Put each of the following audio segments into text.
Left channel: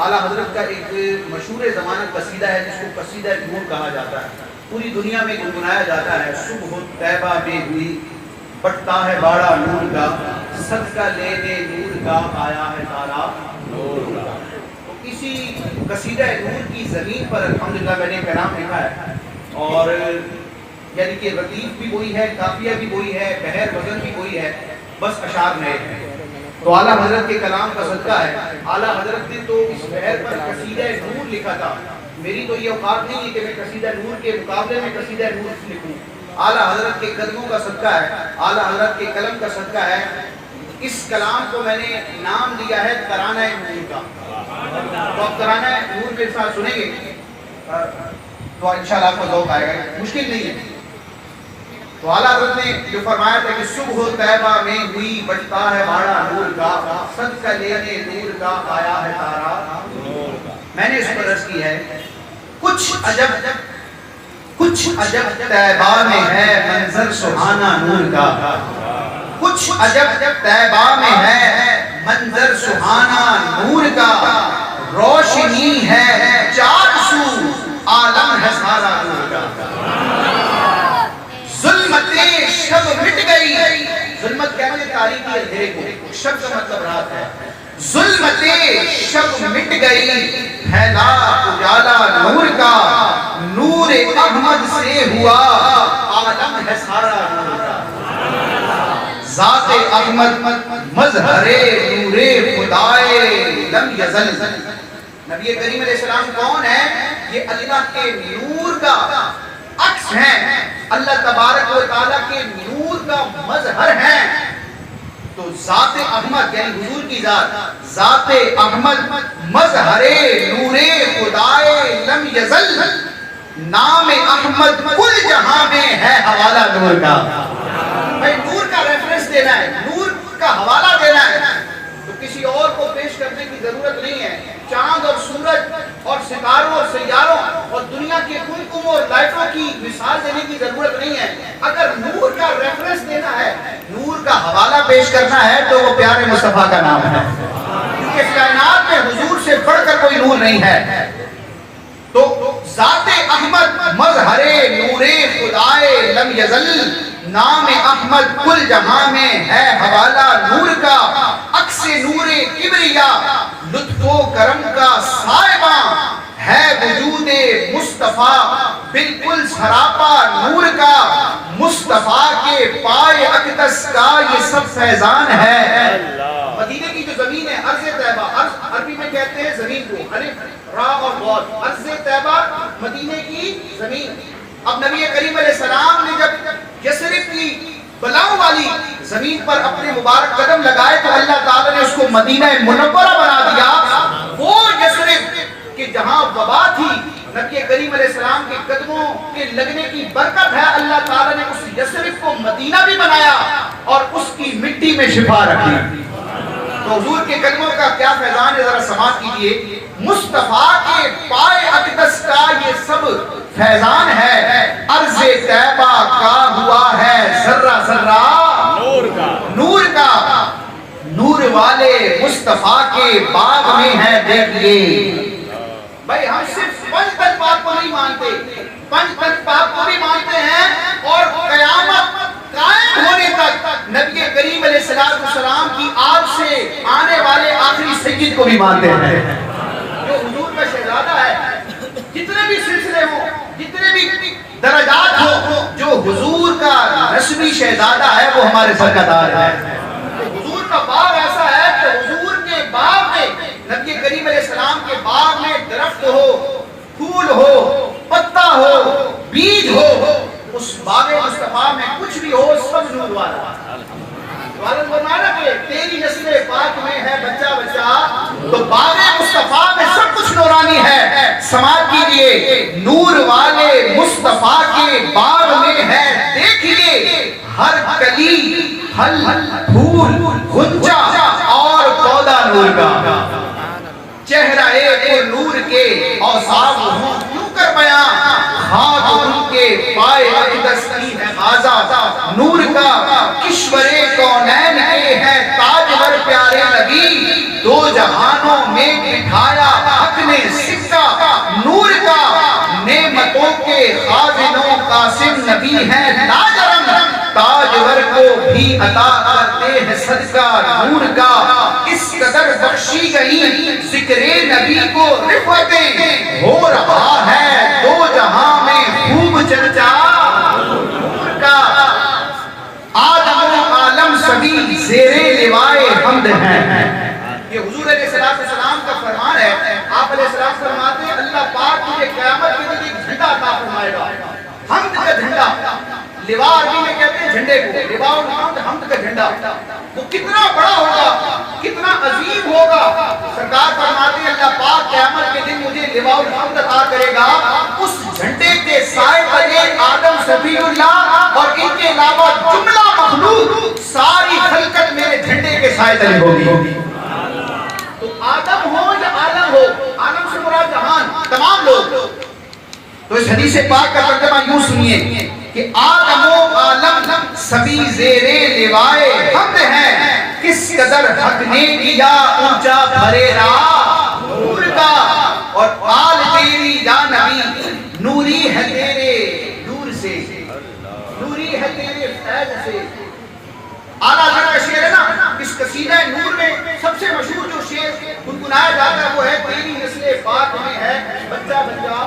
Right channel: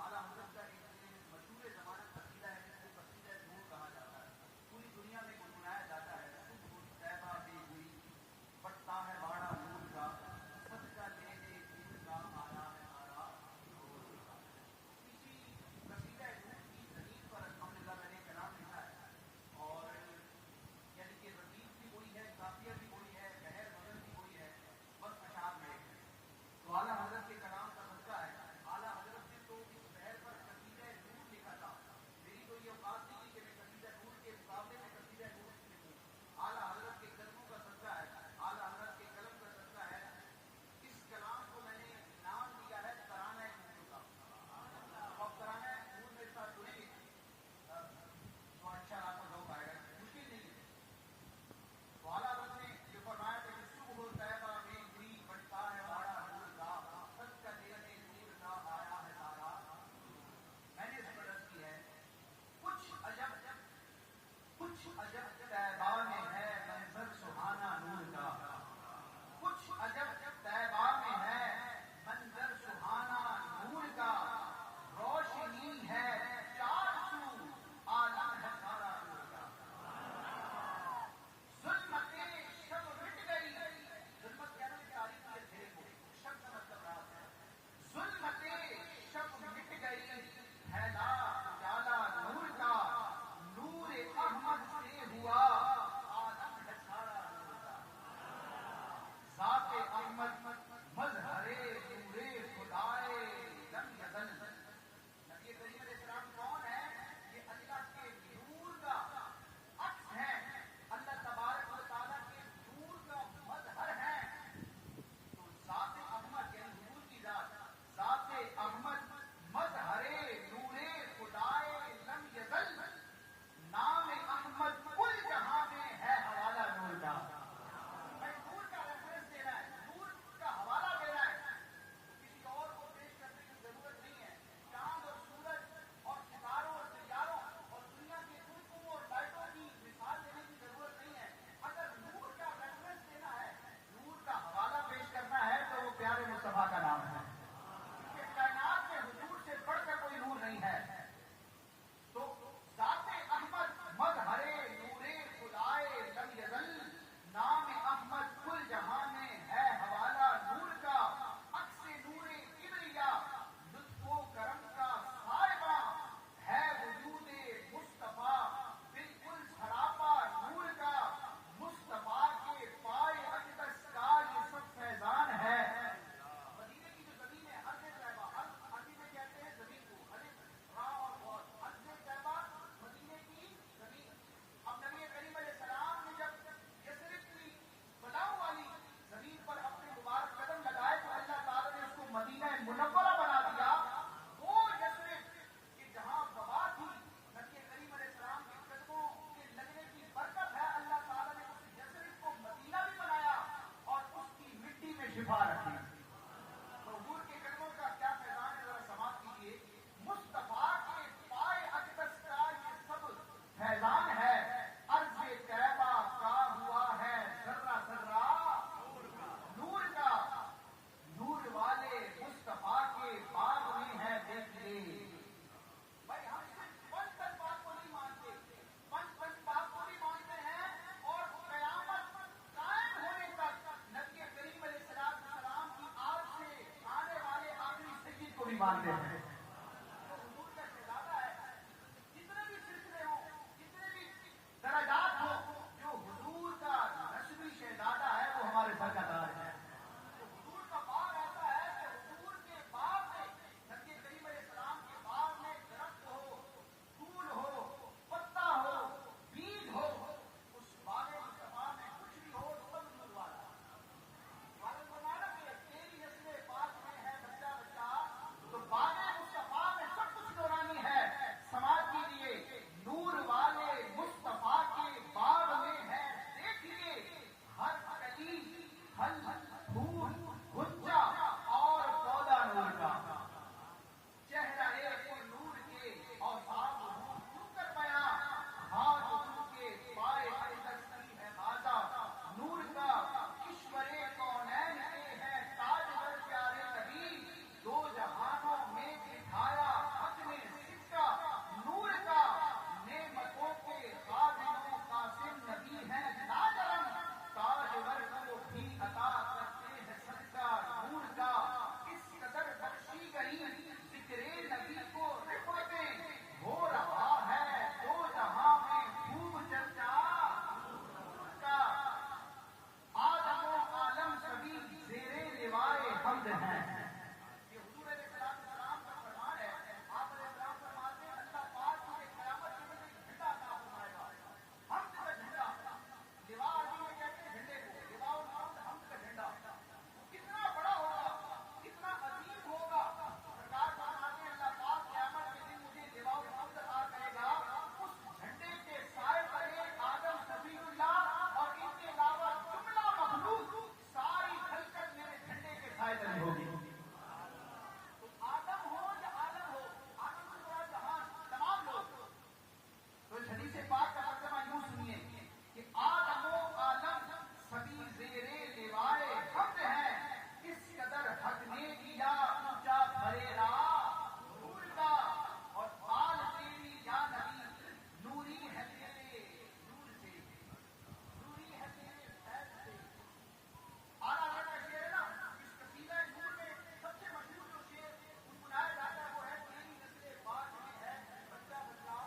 اعلیٰ حضرت کا ایک مشہور زمانہ قصیدہ ہے جس کو قصیدہ نور کہا جاتا ہے، پوری دنیا میں گنگنایا جاتا ہے۔ صبح طیبہ میں ہوئی بٹتا ہے باڑا نور کا، صدقہ لینے نور کا آیا ہے تارا نور کا۔ تو اسی قصیدہ نور کی زمین پر الحمدللہ میں نے کلام لکھا ہے، اور یعنی کہ ردیف بھی وہی ہے، قافیہ بھی وہی ہے، بحر وزن بھی وہی ہے، بس اشعار نئے ہیں۔ تو اعلیٰ حضرت کے کلام کا صدقہ ہے، اعلیٰ حضرت نے تو اس بحر پر قصیدہ نور لکھا تھا۔ میری تو یہ اوقات نہیں ہے کہ میں قصیدہ نور کے مقابلے میں قصیدہ نور لکھوں۔ اعلیٰ حضرت کے قدموں کا صدقہ ہے، اعلیٰ حضرت کے قلم کا صدقہ ہے۔ اس کلام کو میں نے نام دیا ہے ترانہ نور کا۔ تو آپ ترانہ نور کے ساتھ سنیں گے تو انشاءاللہ آپ کو ذوق آئے گا، مشکل نہیں ہے۔ تو اعلیٰ حضرت نے جو فرمایا تھا کہ صبح طیبہ میں ہوئی بٹتا ہے باڑا نور کا، صدقہ لینے نور کا آیا ہے تارا نور کا۔ میں نے اس پر عرض کی ہے، کچھ عجب طیبہ میں ہے منظر سہانا نور کا، کچھ عجب طیبہ میں ہے منظر سہانا نور کا، روشنی ہے چار سو عالم ہے سارا نور کا۔ ظلمت شب مٹ گئی، ظلمت کہتے ہیں تاریکی اندھیرے کو، شب کا مطلب رات ہے۔ ظلمت شب مٹ گئی پھیلا اجالا نور کا، نور احمد سے ہوا عالم ہے سارا نور کا۔ ذات احمد مظہر نور خدائے لم یزل۔ نبی کریم علیہ السلام کون ہے؟ یہ اللہ کے نور کا عکس ہیں، اللہ تبارک و تعالیٰ کے نور کا مظہر ہیں۔ تو ذات احمد یعنی حضور کی ذات، ذات احمد مظہر نور خدائے لم یزل، نام احمد کل جہاں میں ہے حوالہ نور کا۔ بھائی نور کا ریفرنس دینا ہے، نور کا حوالہ دینا ہے تو کسی اور کو پیش کرنے کی ضرورت نہیں ہے۔ چاند اور سورج اور ستاروں اور سیاروں اور دنیا کے کنکموں اور لائٹوں کی مثال دینے کی ضرورت نہیں ہے۔ اگر نور کا ریفرنس دینا ہے، نور کا حوالہ پیش کرنا ہے تو وہ پیارے مصطفیٰ کا نام ہے، کیونکہ کائنات میں حضور سے بڑھ کر کوئی نور نہیں ہے۔ تو ذات احمد مظہر نور خدائے لم یزل، نام احمد کل جہاں میں ہے حوالہ نور کا، عکس نور کبریا لطف و کرم کا صاحباں ہے وجود مصطفیٰ بالکل سراپا نور کا، مصطفیٰ کے پائے اقدس کا یہ سب فیضان ہے۔ مدینے کی جو زمین ہے ارض طیبہ، عربی میں کہتے ہیں زمین کو، الف را اور ضاد، ارض طیبہ مدینے کی زمین۔ اب نبی کریم علیہ السلام نے جب یثرب کی بلاؤں والی زمین پر اپنے مبارک قدم لگائے تو اللہ تعالیٰ نے اس کو مدینہ منورہ بنا دیا۔ وہ یثرب کہ جہاں وبا تھی، نبی کریم علیہ السلام کے قدموں کے لگنے کی برکت ہے، اللہ تعالیٰ نے اس یثرب کو مدینہ بھی بنایا اور اس کی مٹی میں شفا رکھی۔ تو حضور کے قدموں کا کیا فیضان ہے، ذرا سماعت کیجئے۔ مصطفیٰ کے پائے اقدس کا یہ سب فیضان ہے، عرض طیبہ کا ہوا ہے ذرہ ذرہ نور کا، نور والے مصطفیٰ کے باغ میں ہے دیکھئے۔ بھائی ہم صرف پنج تن پاک کو نہیں مانتے، پنج تن پاک کو بھی مانتے ہیں، اور قیامت قائم ہونے تک نبی کریم علیہ السلام کی آگ سے آنے والے آخری سید کو بھی مانتے ہیں، جو حضور کا شہزادہ ہے۔ جتنے بھی سلسلے ہوں، جتنے بھی درجات ہوں، جو حضور کا رسمی شہزادہ ہے وہ ہمارے سرکردار ہے۔ حضور کا باغ ایسا ہے کہ حضور کے باغ میں، نبی کریم علیہ السلام کے باغ میں درخت ہو، پھول ہو، پتا ہو، بیج ہو، اس باغ مصطفیٰ میں کچھ بھی ہو سب نور والا۔ والد فرمایا کہ تیری نسل پاک میں ہے بچہ بچہ، تو باغ مصطفیٰ میں سب کچھ نورانی ہے۔ سماعت کیجئے، نور والے مصطفیٰ کے باغ میں ہے دیکھئے، ہر کلی پھل پھول غنچہ اور پودا نور کا، چہرہ پر نور کے اوصاف ہوں کیوں کر بیاں، خاک ان کے پائے اقدس کی ہے غازہ نور کا، کشور کونین کے ہے تاجور پیارے نبی، دو جہانوں میں بٹھایا عطا کرتے ہیں صدقہ نور کا، اس قدر بخشی گئی ذکر نبی کو رفعتیں، ہو رہا ہے دو جہاں میں خوب چرچا نور کا، آدم و عالم سبھی زیر لوائے حمد ہیں۔ یہ حضور علیہ السلام کا فرمان ہے۔ آپ علیہ السلام فرماتے ہیں اللہ پاک تجھے قیامت کے دن ایک جھنڈا عطا فرمائے گا، حمد کا جھنڈا۔ لوا عربی میں کہتے ہیں جھنڈے کو، لواء الحمد، حمد کا جھنڈا۔ وہ کتنا بڑا ہوگا، کتنا عظیم ہوگا۔ سرکار فرماتے ہیں اللہ پاک قیامت کے دن مجھے لواء الحمد عطا کرے گا، اس جھنڈے کے سائے تلے آدم صفی اللہ اور ان کے علاوہ جملہ مخلوق ساری خلقت میرے جھنڈے کے سائے تلے ہوگی۔ تو آدم ہو یا عالم ہو، عالم سے مراد جہان، تمام لوگ۔ تو اس حدیث پاک کا ترجمہ یوں سنیے کہ آدم و عالم سبھی زیر لوائے حمد ہیں، کس قدر حق نے کیا اونچا بھریرا نور کا، اور آل تیری یا نبی نوری ہے تیرے نور سے، نوری ہے تیرے فیض سے۔ اعلیٰ حضرت کا شعر ہے نا، اس قصیدہ نور میں سب سے مشہور جو شعر گنگنایا جاتا ہے وہ ہے تیری نسل پاک میں ہے بچہ بچہ۔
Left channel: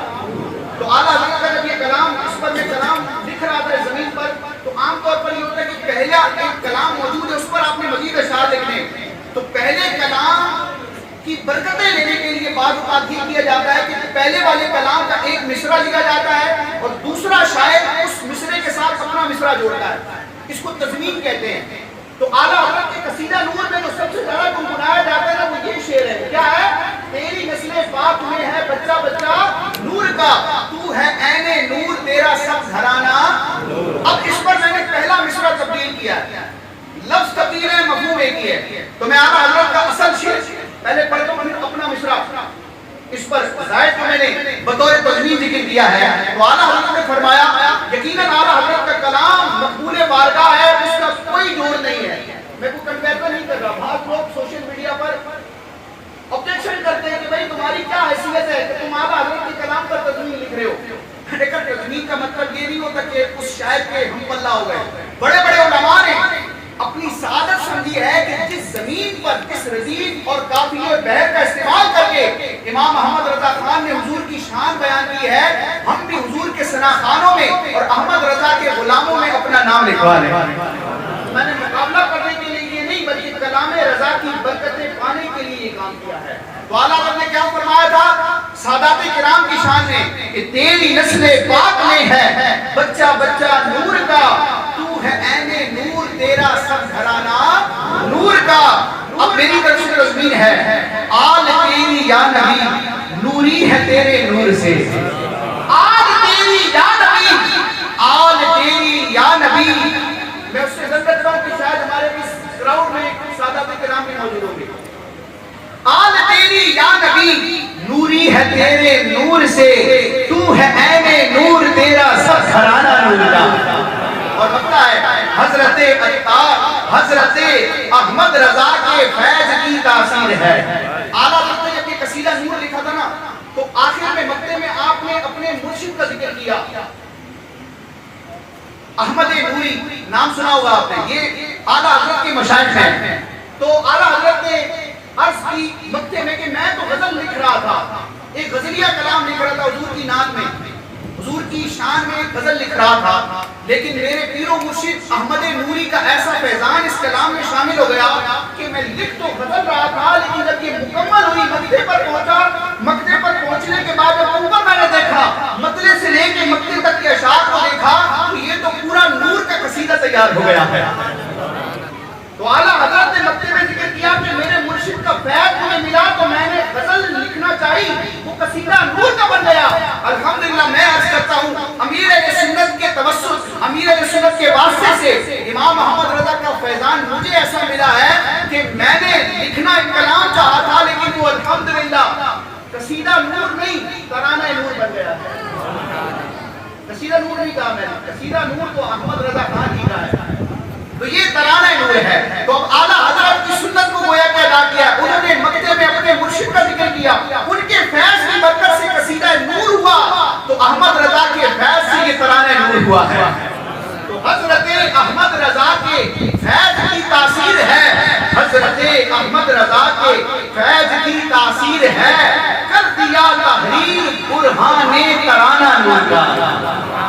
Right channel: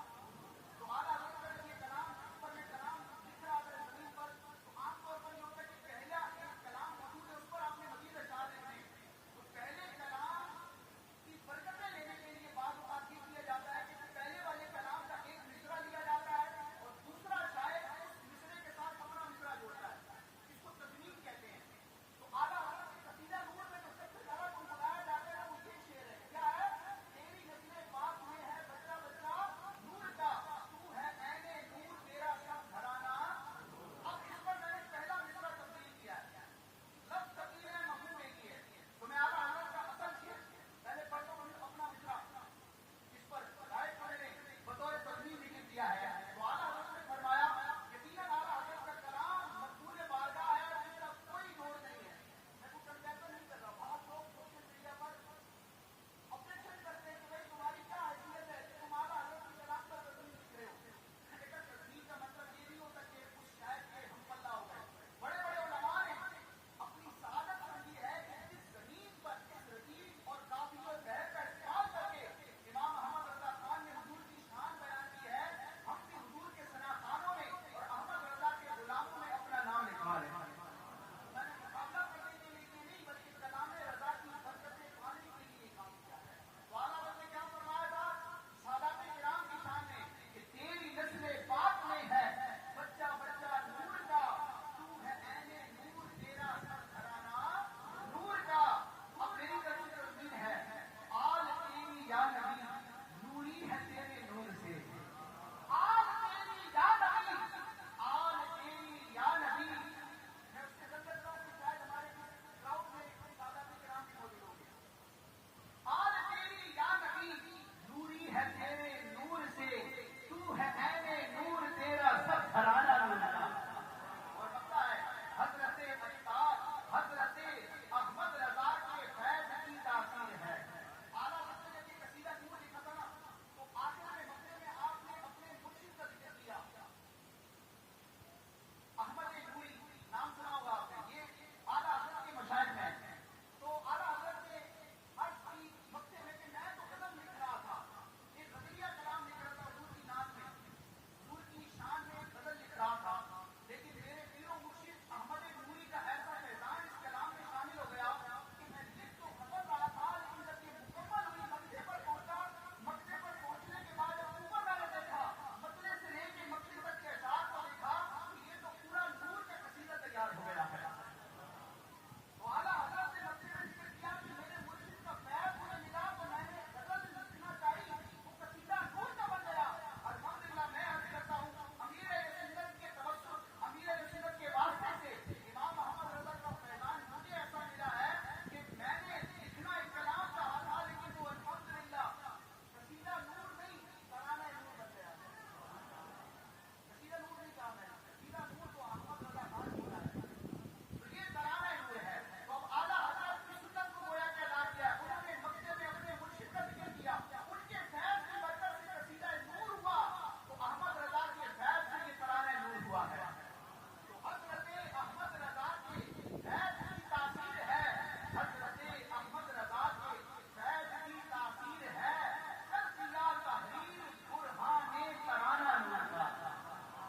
تو اعلیٰ حضرت کا جب یہ کلام، اس پر میں کلام لکھ رہا تھا زمین پر، تو عام طور پر یہ ہوتا ہے کہ پہلا ایک کلام موجود ہے، اس پر آپ نے مزید اشعار لکھنے، تو پہلے کلام کی برکتیں لینے کے لیے بعض اوقات یہ کیا جاتا ہے کہ پہلے والے کلام کا ایک مصرع لکھا جاتا ہے اور دوسرا شاعر اس مصرعے کے ساتھ اپنا مصرع جوڑتا ہے، اس کو تضمین کہتے ہیں۔ تو اعلیٰ حضرت کے قصیدہ نور میں جو سب سے زیادہ گنگنایا جاتا ہے نا وہ یہ شعر ہے، کیا ہے؟ تیری نسل پاک میں ہے بچہ بچہ نور کا، تو ہے عین نور تیرا سب گھرانہ۔ اب اس پر میں نے پہلا مصرع تبدیل کیا، لفظ تبدیل ہے، مفہوم ایک ہی ہے۔ تو میں اعلیٰ حضرت کا اصل شعر پہلے پڑھ دوں پھر اپنا مصرع، اس پر زائد کو میں نے بطور تضمین ذکر کیا ہے۔ تو اعلیٰ حضرت نے فرمایا یقیناً اعلیٰ حضرت کا کلام مقبول بارگاہ ہے، اس کا کوئی جوڑ نہیں ہے۔ میں کو کنفیسر نہیں کر رہا، بعض لوگ سوشل میڈیا پر آبجیکشن کرتے ہیں کہ بھائی تمہاری کیا حیثیت ہے کہ تم اعلیٰ حضرت کے کلام پر تضمین لکھ رہے ہو۔ لیکن تضمین کا مطلب یہ نہیں ہوتا کہ اس شاعر کے ہم پلہ ہو گئے۔ بڑے بڑے علماء نے اپنی سعادت سمجھی ہے کہ جس زمین پر اس ردیف اور قافیے بحر کا استعمال کر کے امام محمد رضا خان نے حضور کی شان بیان کی ہے، ہم بھی حضور کے ثناخانوں میں اور احمد رضا کے غلاموں میں اپنا نام لکھوا لیں۔ میں نے مقابلہ کرنے کے لیے یہ نہیں بلکہ کلام رضا کی برکتیں پانے کے لیے یہ کام کیا ہے۔ تو اعلیٰ حضرت نے کیا فرمایا تھا سادات کرام کی شان میں کہ تیری نسل پاک میں ہے بچہ بچہ نور کا، تو ہے عین نور تیرا سب گھرانہ نور کا۔ اب میری طرف سے تضمین ہے آل تیری یا نبی نوری ہے تیرے نور سے، آل تیری یا نبی، آل تیری یا نبی۔ میں اس سے ضرورت رہا ہوں کہ شاید ہمارے اس کراؤڈ میں سادات کرام بھی موجود ہوں گے۔ آل تیری یا نبی نوری ہے تیرے نور سے، تو ہے عین نور تیرا سب گھرانہ نور کا۔ اور بتتا ہے حضرت عطار حضرت احمد رضا کے فیض کی تاثیر ہے۔ اعلیٰ حضرت نے جب یہ قصیدہ نور لکھا تھا نا تو آخر میں مقطع میں آپ نے اپنے مرشد کا ذکر کیا، احمد نوری نام سنا ہوگا آپ نے، یہ اعلیٰ حضرت کے مشائخ ہیں۔ تو اعلیٰ حضرت نے عرض کی مقطع میں کہ میں تو غزل لکھ رہا تھا، ایک غزلیہ کلام لکھ رہا تھا حضور کی نعت میں، حضور کی شان میں ایک غزل لکھ رہا تھا، لیکن میرے پیر و مرشد احمد نوری کا ایسا فیضان اس کلام میں شامل ہو گیا کہ میں لکھ تو غزل رہا تھا لیکن جب یہ مکمل ہوئی مقطع پر پہنچا، مقطع پر پہنچنے کے بعد جب اوپر میں نے دیکھا مطلع سے لے کے مقطع تک کے اشعار کو دیکھا تو یہ تو پورا نور کا قصیدہ تیار ہو گیا ہے۔ تو اعلیٰ حضرت نے مقطع میں ذکر کیا کہ میرے مرشد کا فیض مجھے ملا تو میں نے غزل لکھنا چاہی، وہ قصیدہ نور کا بن گیا۔ الحمدللہ میں عرض کرتا ہوں امیر اہل سنت کے توسط، امیر اہل سنت کے واسطے سے امام محمد رضا کا فیضان مجھے ایسا ملا ہے کہ میں نے لکھنا ایک کلام چاہا تھا لیکن وہ الحمدللہ قصیدہ نور نہیں ترانہ نور بن گیا ہے۔ قصیدہ نور نہیں کہا میں نے، قصیدہ نور تو احمد رضا خان جی کا ہے، تو یہ ترانہ نور ہے۔ تو اب اعلیٰ حضرت کی سنت کو گویا کہ ادا کیا، انہوں نے مقطع میں اپنے مرشد کا ذکر کیا، ان کے فیض کی برکت سے قصیدہ نور ہوا، تو احمد رضا کے فیض سے یہ ترانہ نور ہوا ہے۔ تو حضرت احمد رضا کے فیض کی تاثیر ہے، کر دیا تحریر برہان ترانہ نور کا۔